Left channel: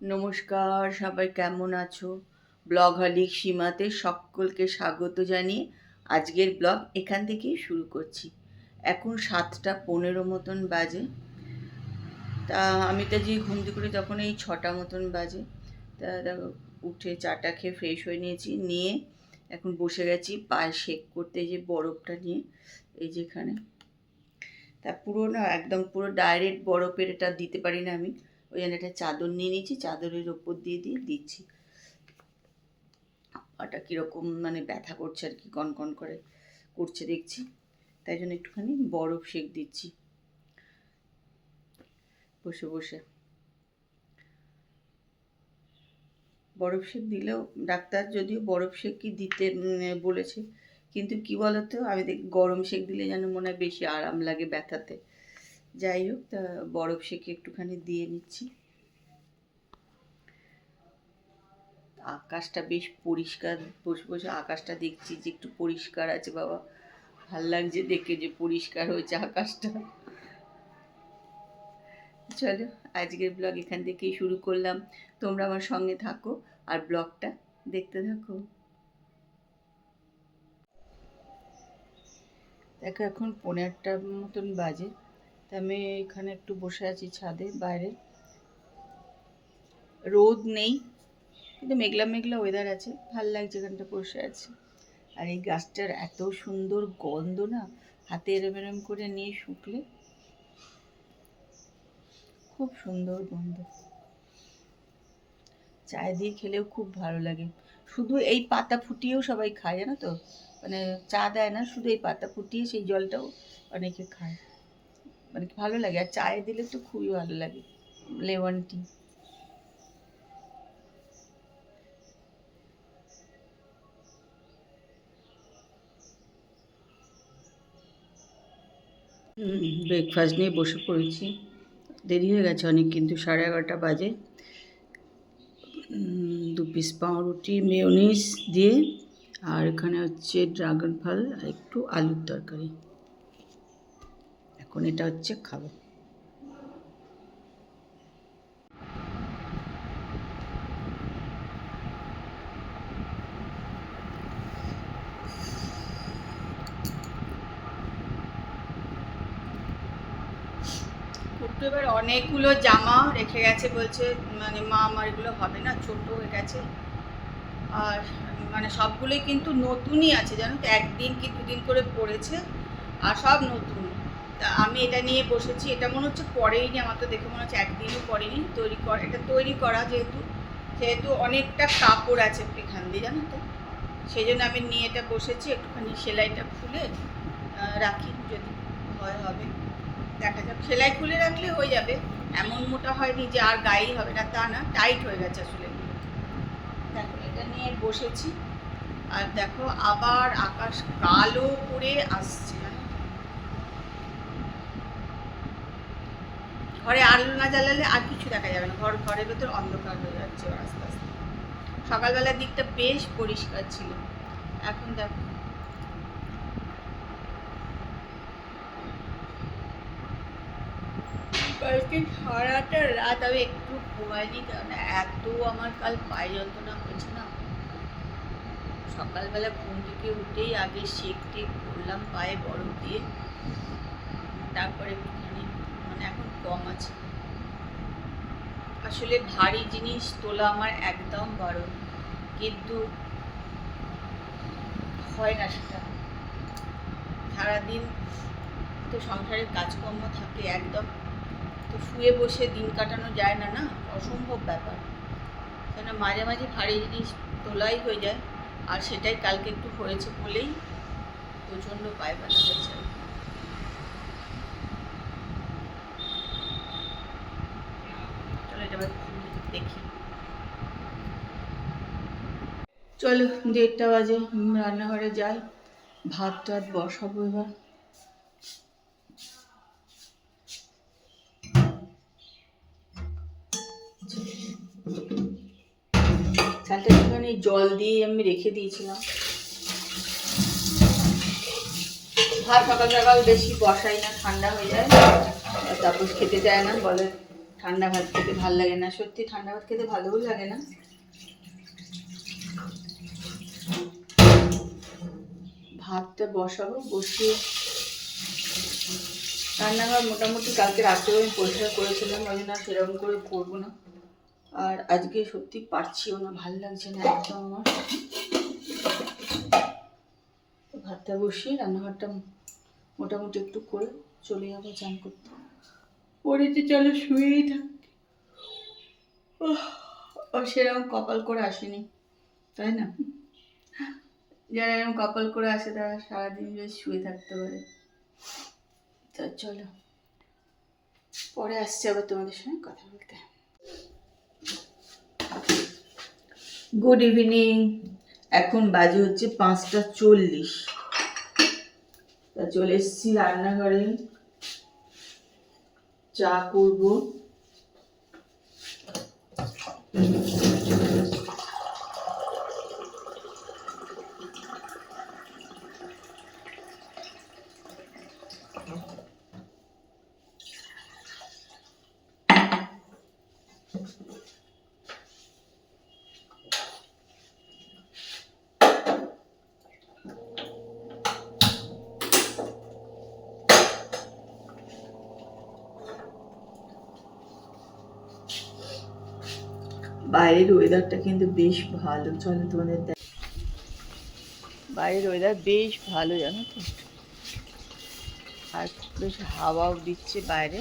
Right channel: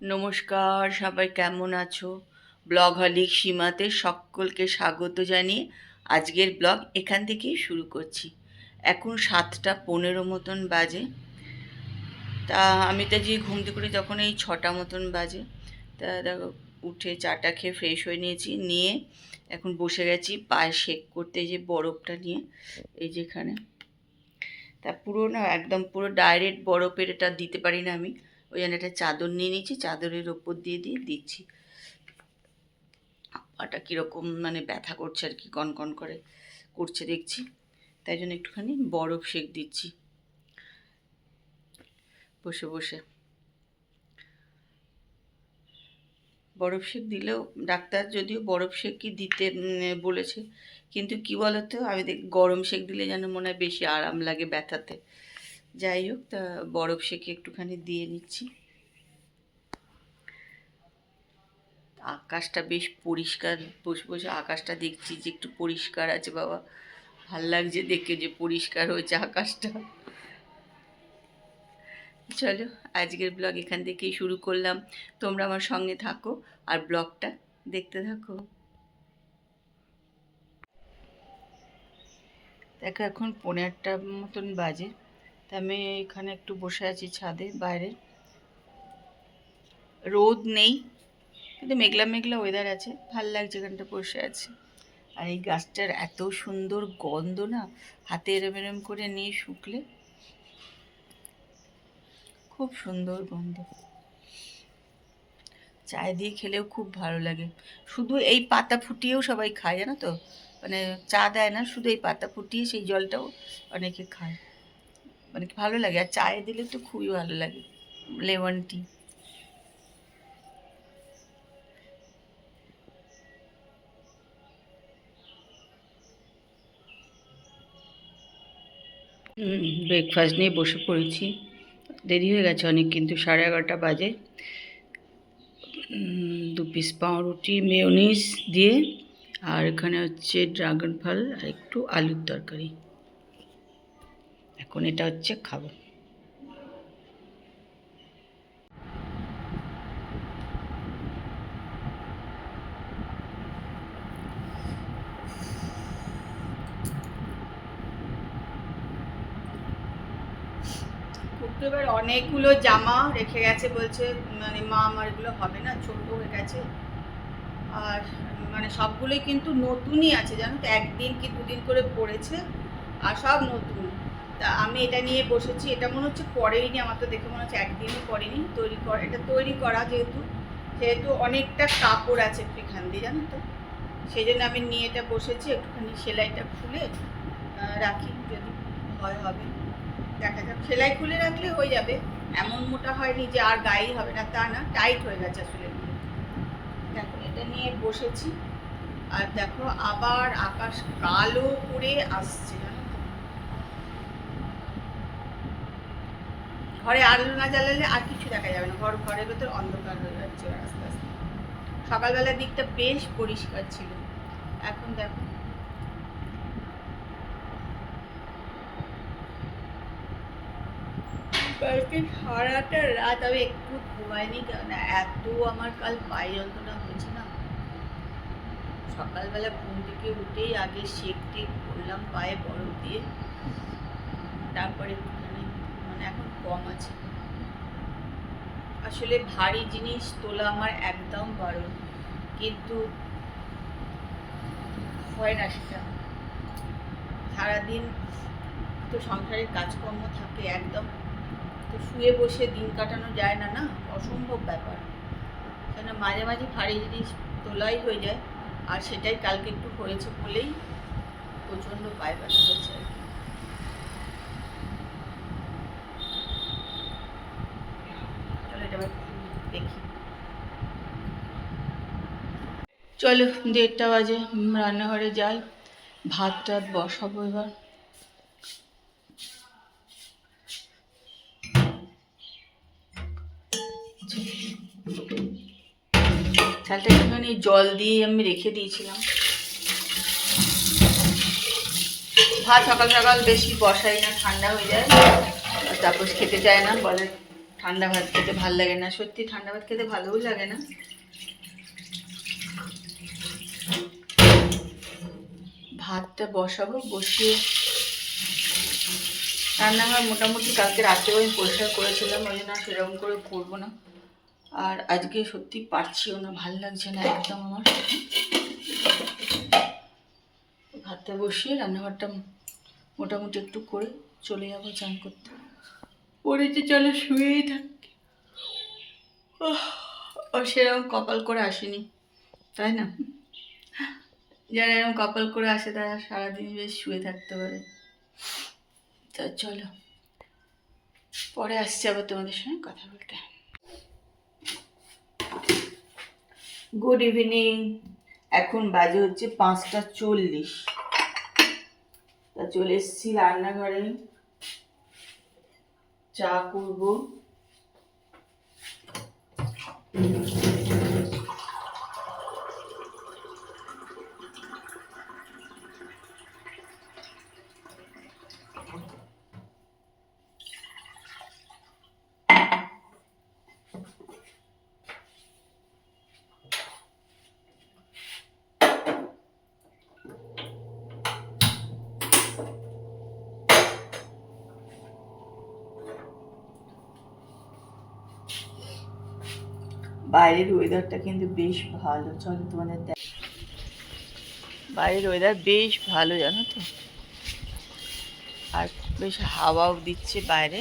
নমস্কার, সবাই কেমন আছো? ব্লগ হলিক সীমাতে সকলকে স্বাগত জানিয়ে আজকের ব্লগ এখান থেকেই শুরু করছি। এখন 7:15 মতন বাজে। তা আমি তো যে ঘুম থেকে উঠে যখন এই 6টা মতন বাজে, তা দেখো উঠে চাটা খেয়ে ফ্রেশ হয়ে নিয়ে এখন বসে গেছি পায়ে শেক করতে, যে বরফটা নিয়ে এই যেখানে। তা পুরো না একদম পুরো ডাইরেক্ট বরফের এটা দিতে পারি না আমি, ওই জন্য একটা চাদর নিয়ে নিয়েছি, চাদরের ওপর দিয়ে দিচ্ছি। পাটা কীরকম মানে ব্যথা করছে আর কি, কনকন করে করছে দেখছি, তাই জন্য একটুখানি বরফ শেক দিচ্ছি বসে বসে। বরফ শেক দিলেও ডাক্তার যদিও বরফ শেক কি দিতে বলেছে, কিন্তু কি বলতো আমি গরম শেক দিলে যেন মনে হয় বেশি আরাম লাগে ব্যথাতে। যাই হোক, তা বরফ শেকে একটুখানি দিয়ে নিচ্ছি। আকাশটা বেশ পরিষ্কার, বসে বসে আকাশটা দেখছি যে একটু পরিষ্কার আছে বাবা, ভাল লাগছে দেখে যে পরিষ্কার হয়েছে আকাশটা। চলো আজকের ব্লগ এখান থেকেই শুরু করলাম, তোমরা আমার সঙ্গে থাকো আর ব্লগটা দেখতে থাকো। দেখো এখন 8:15 মতন বাজে, তা আমি এখানে একটু বসে আছি ছাদে বাইরে। রোদ নেই কিন্তু মেঘলা মেঘলা ওয়েদার আছে, ভাল লাগছে এখানটা বসে আছে। আর এই গাছটার এত সুন্দর গন্ধ না, হাতে এরম এরম করে নিয়ে শুকলে খুব সুন্দর গন্ধ, চায় দিয়ে খেলেও খুব ভালো লাগে। শুধু এই পাতা ফুটিয়েও সবাই খায়, জানো তো, মানে চা দেয় না, শুধু এই পাতা ফুটিয়ে সেই জলটাও অনেকে খায়, মানে ভালো লাগে। আর চায়ে দিলে তো খুবই ভালো লাগে, লেমন টি। ব্রেকফাস্ট নিয়ে বসে পড়েছি, দেরি হয়ে গেছে অনেক, কিন্তু 11:30 বাজে। 2 পিস পাউরুটি মেয়োনিজ দিয়ে, আর এখানে হচ্ছে ড্রাগন ফল আর একটু আলুর তরকারি। এখন এটা হচ্ছে খাবো। কুট্টু এবার অনেকগুলো জামা রেখে গেছে, বলছে মানে মা আমার এগুলো হবে না, ছোট হয়ে গেছে। আর মানে সবগুলোই কিন্তু নতুনই আছে, জানো তো, 1 দিন কি 2 দিন করে পড়েছে আর সব নতুন। তা আমি এটা নিয়ে বসেছি, এটা মনে হচ্ছে পরেইনি, আমার তো দেখে মনে হচ্ছে 1 দিনও পরেনি। এটা তৈরি করা যেহেতু সেহেতু অনেকটা কাপড় আছে এখান দিয়ে, জানো তো, সেই জন্য আমি নিয়ে এটা বসেছি। একটুখানি সেলাইটা খুলে রাখি, যদি হবে দেখা যাক। সেলাই খুলে রাখলে হয়ে যাবে, এমন মোটা হয়নি যে আর গায়েই হবে না তা না, টাইট হয়ে গেছে আসলে। দেখো এটা নিয়ে বসেছি, আর দেখো আবার আকাশ কালো করে আসছে, জানো তো। ঘরে আলো না জ্বালালে আর কিছু দেখা যাবে না, ঘরের ভেতর অন্ধকার হয়ে যাচ্ছে আস্তে আস্তে। সকালবেলার দিকটা বেশ পরিষ্কার ছিল, এখন দেখো। কালকে সারাটা রাত আমি একটু ঘুমাইনি, কারণ এত আমার কাল পায়ে যন্ত্রণা হয়েছে না। সকালবেলা ঘুম থেকে উঠেই আগে শেক টেক করলাম পায়ে বরফ দিয়ে, তারপরে মানে এখন কম আছে। আসলে ভারী জিনিস তোলা আমার একদম বারণ, কিন্তু হয় না সেটা। সারাদিন তো সংসারের কাজকর্ম থাকে একদম, তো শুয়ে বসে দিন কাটানো যায় না, না অসম্ভব ব্যাপার। কেন মাঝে মাঝে ভারী জিনিস তোলাই হয়ে যায়, আর সেটাই কালকে একটু হয়েছে বলেই প্রচণ্ড পায়ে ব্যথা হয়েছে আর কি। তাহলে এটা দেখি। চলো 1:30 বাজে, রান্নাঘরে যাই, ভাত টাত বসাবো এবার। চালটা একটুখানি জল দিয়ে আমি রেখে দিয়েছিলাম। ভাত সকাল সকাল বেশি বসাই না, ঠান্ডা হয়ে যায়, তারপর খেতে চায় না, বলে ঠান্ডা ভাত খেতে ভাল লাগে না, সত্যি ঠান্ডা ভাত খেতে ভালোও লাগে না। ভাতটা বসাবো, বসিয়ে রান্নাঘর মোটামুটি কালকে রাতেও আমি পরিষ্কার করেছিলাম, ওই জন্য সেরকম করে করবো না। আর আজকে সত্যি পারছিও না, ভাল লাগছে না একদম আমার। ভাতটা বসিয়ে রান্নাঘরটা মোটামুটি একটু করে চলে যাবো চান করতে। পড়েছে চলো শুয়েই থাকি। ও সেরকম কপাল করে আসেনি, তাই না? যারা এরকম কপাল করে আসে তারা সারাদিন বেশ শুয়ে থাকতে পারে। তো চলো পরে আসছি আবার তোমাদের সঙ্গে কথা বলতে। গুড ইভিনিং, এখন বাজে হচ্ছে 5:40। তা চলে এসেছি রান্নাঘরে, চা করবো। বাইরের ওয়েদারটা কিন্তু বেশ ভালো, চলো তোমাদের বাইরের ওয়েদার বেশ ভালো জানো তো, আর বেশ হাওয়াও দিচ্ছে বাইরে।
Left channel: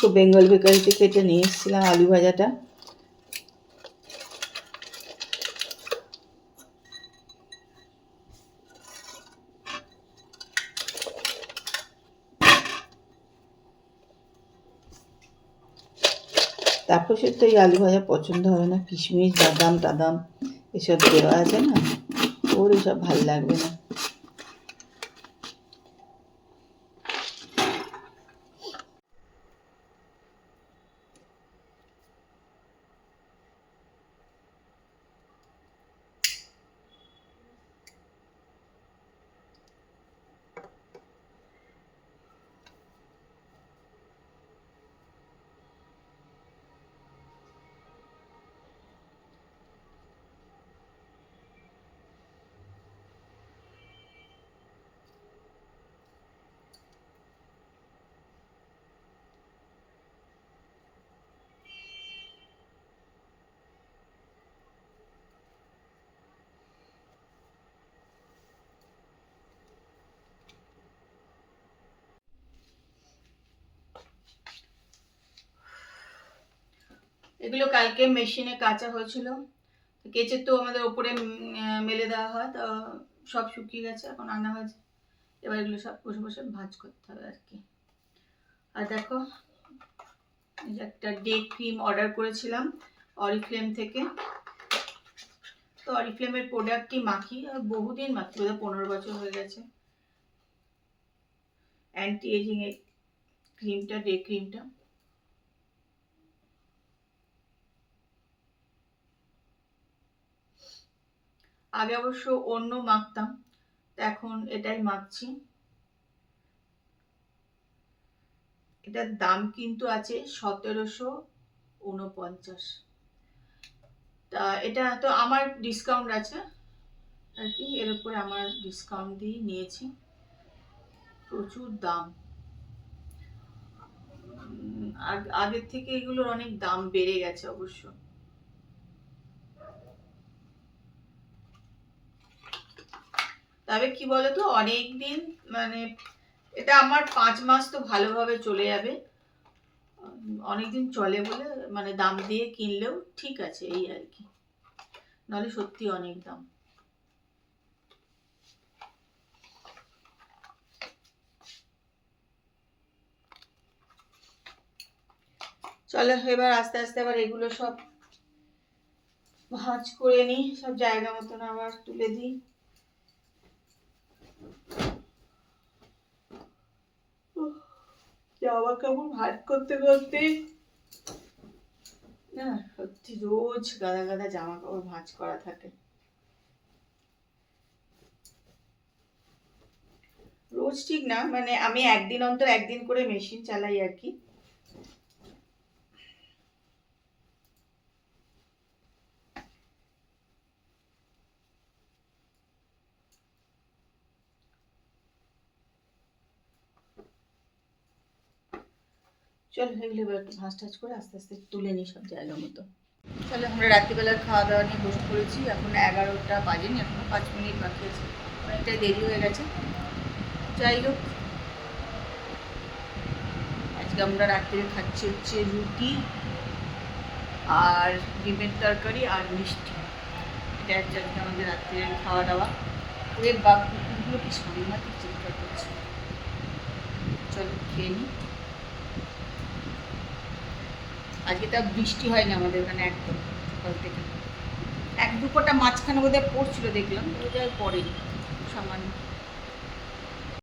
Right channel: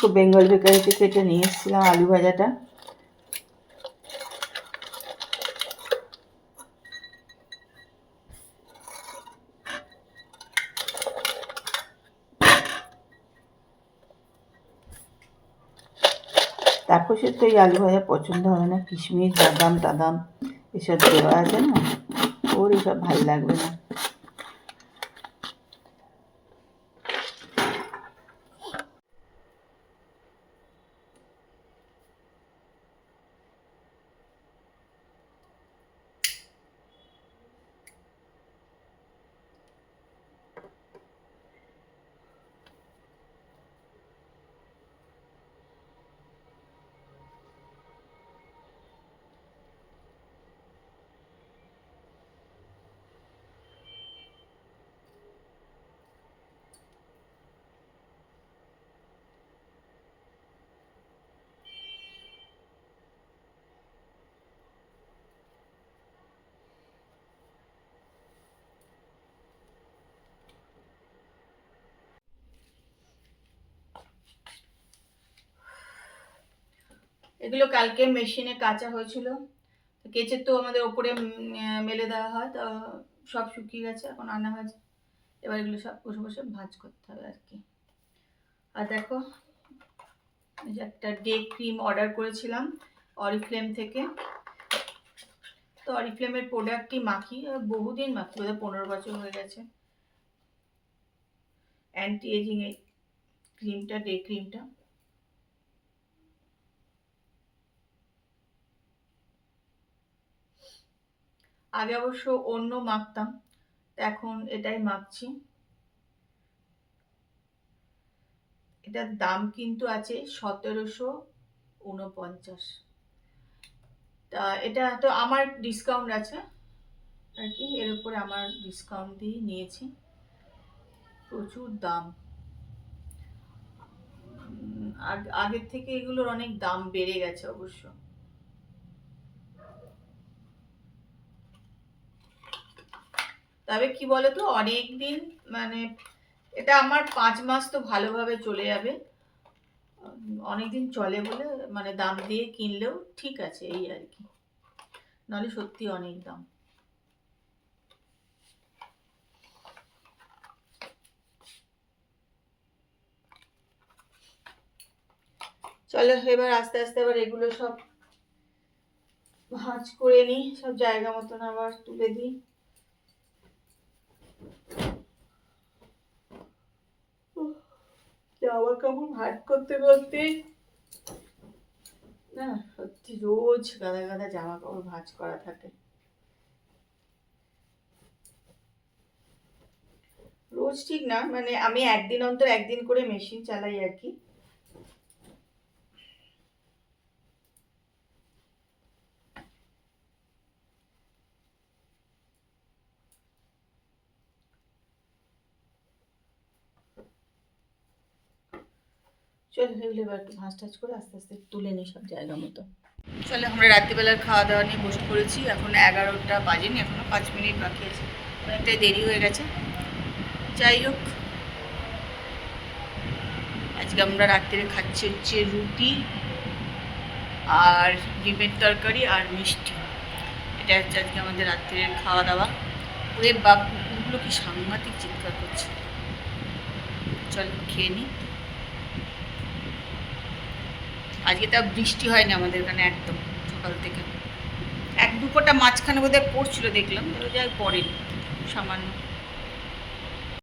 তো বেঙ্গল বেকারি থেকে এটা নিয়ে এসেছিলাম, আলু ভাজাটা। তারপর সে তো এই আলু ভাজা পছন্দ হবে না, কিশমিশ বাদাম টাদাম এসব দেওয়া আছে না, ওর এসব ভাল লাগবে না। এগুলো কালকে মেশিনে কাচা হয়েছিল, কেচে তো আমাদের ওপরে মেলে দেওয়া হয়, তো সব শুকিয়ে গেছে, এখন আনা হয়েছে। এবার এগুলো সব বসে বসে ভাজ করতে হবে আর কি। আর দেখো একটা ডে ক্রিম অর্ডার করেছিলাম অরিফ্লেম থেকে, তো অরিফ্লেমের প্রোডাক্টটি মাখি, বহুদিন মাখি, বোধ 15 বছর হয়ে গেছে। অ্যান্টি এজিং এই ক্রিমটা, ডে ক্রিমটা। আগে অবশ্য অন্য মাখতাম, এখন এটাই মাখছি। এটার দাম কিন্তু আছে 1749। তা এটা তো আমার ডিসকাউন্ট আছে আর কি, এর উপরে আমার ডিসকাউন্ট দিয়ে নিয়েছি। প্রচুর দাম, আগের থেকে এগুলোর অনেক দাম বেড়ে গেছে অবশ্য। তবে কি বলতো, অনেক দিন মানে এটা আমার 5 মাস তো ভালোভাবে চলে যাবে, অনেকদিন চলে বলে মানে দাম দিয়ে কিনলেও ঠিক আছে এই আর কি, নাহলে সত্যি অনেক দাম। চলো এবার আস্তে আস্তে আবার এগুলো সব ভাঁজ করে নিই, সব জায়গা মতন আবার তুলে দিই। জামা কাপড় ভাঁজ করতে করতে না সত্যি রোজ গাদা গাদা জামা কাপড় ভাঁজ করা থাকে। রোজ ঠিক না, মানে আমি একদিন অন্তর একদিন করে মেশিন চালাই আর কি। চল এগুলো এবার একটু ভাঁজ টাজ করে আস্তে আস্তে তুলে নিই সব জায়গা মতো। চলো আমরা রাত্রিবেলার খাওয়া দাওয়া নিয়ে বসে পড়েছি। এখন 11টা বাজেনি, এখনো 5 মিনিট বাকি আছে, অনেকটাই দেরি হয়ে গেছে। যাই হোক, আজকে আমরা রাত্রে খাচ্ছি হচ্ছে রুটি আর ডিমের তরকারি আর মিষ্টি। এটা হচ্ছে আজকে আমাদের রাত্রের খাওয়া দাওয়া। ওরে বাপ, কুকুরগুলো কি সাংঘাতিক চিৎকার করছে। চল খেয়ে নিই। আজকে তা বৃষ্টি হয়নি আমাদের এখানে একদম, সকাল থেকে এক দুপোটা মাঝখানে বোধহয় পড়ছিল দেখলাম, যাই পড়েনি, সামান্য।